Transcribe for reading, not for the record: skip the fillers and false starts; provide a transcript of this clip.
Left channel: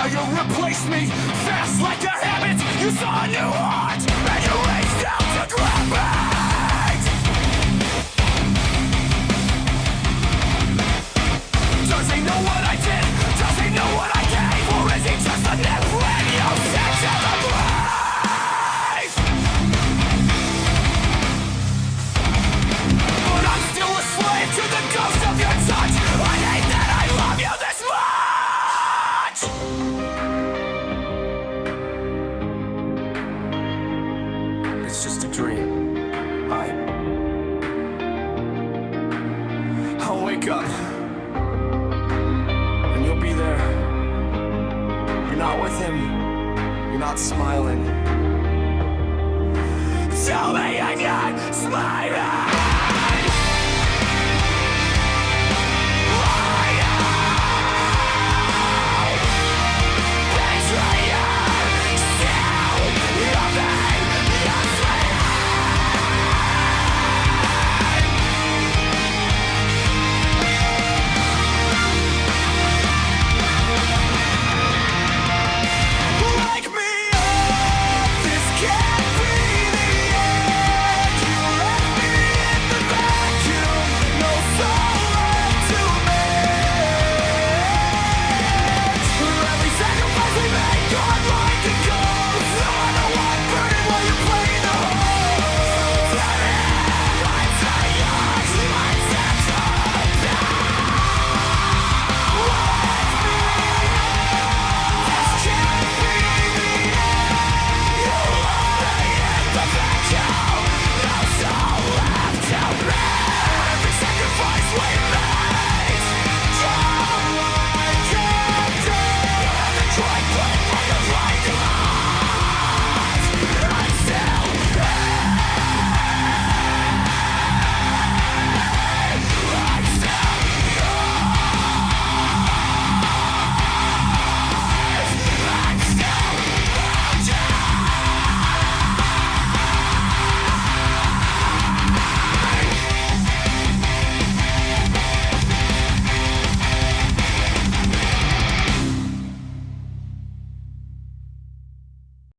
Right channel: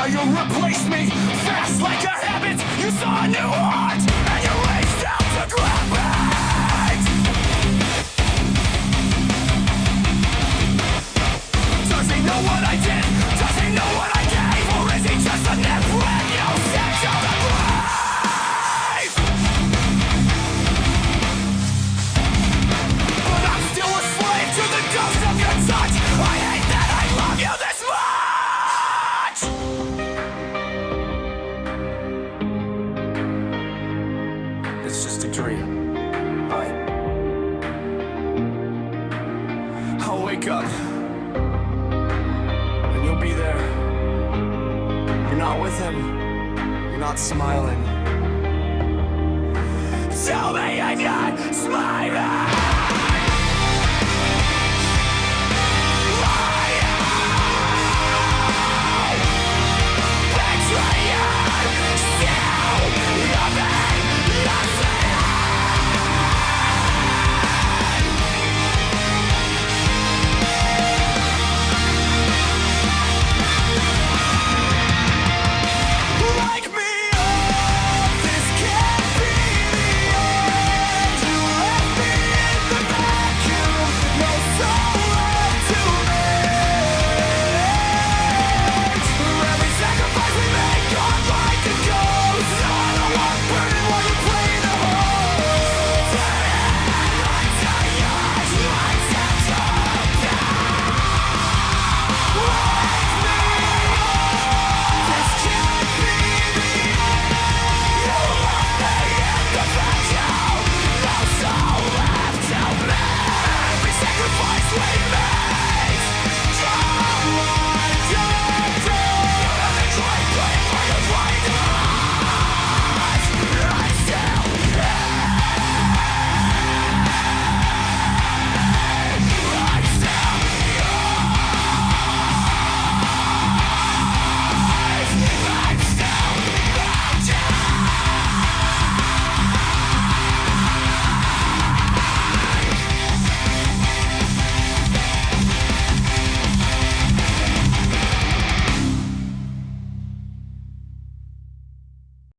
Now you replaced me, fast like a habit. You saw a new heart, and you reached out to grab it. Does he know what I did? Does he know what I gave? Or is he just a net when you sent to the grave? But I'm still a slave to the ghost of your touch. I hate that I love you this much. It's just a dream. I'll wake up and you'll be there. You're not with him. You're not smiling. Tell me I'm not smiling.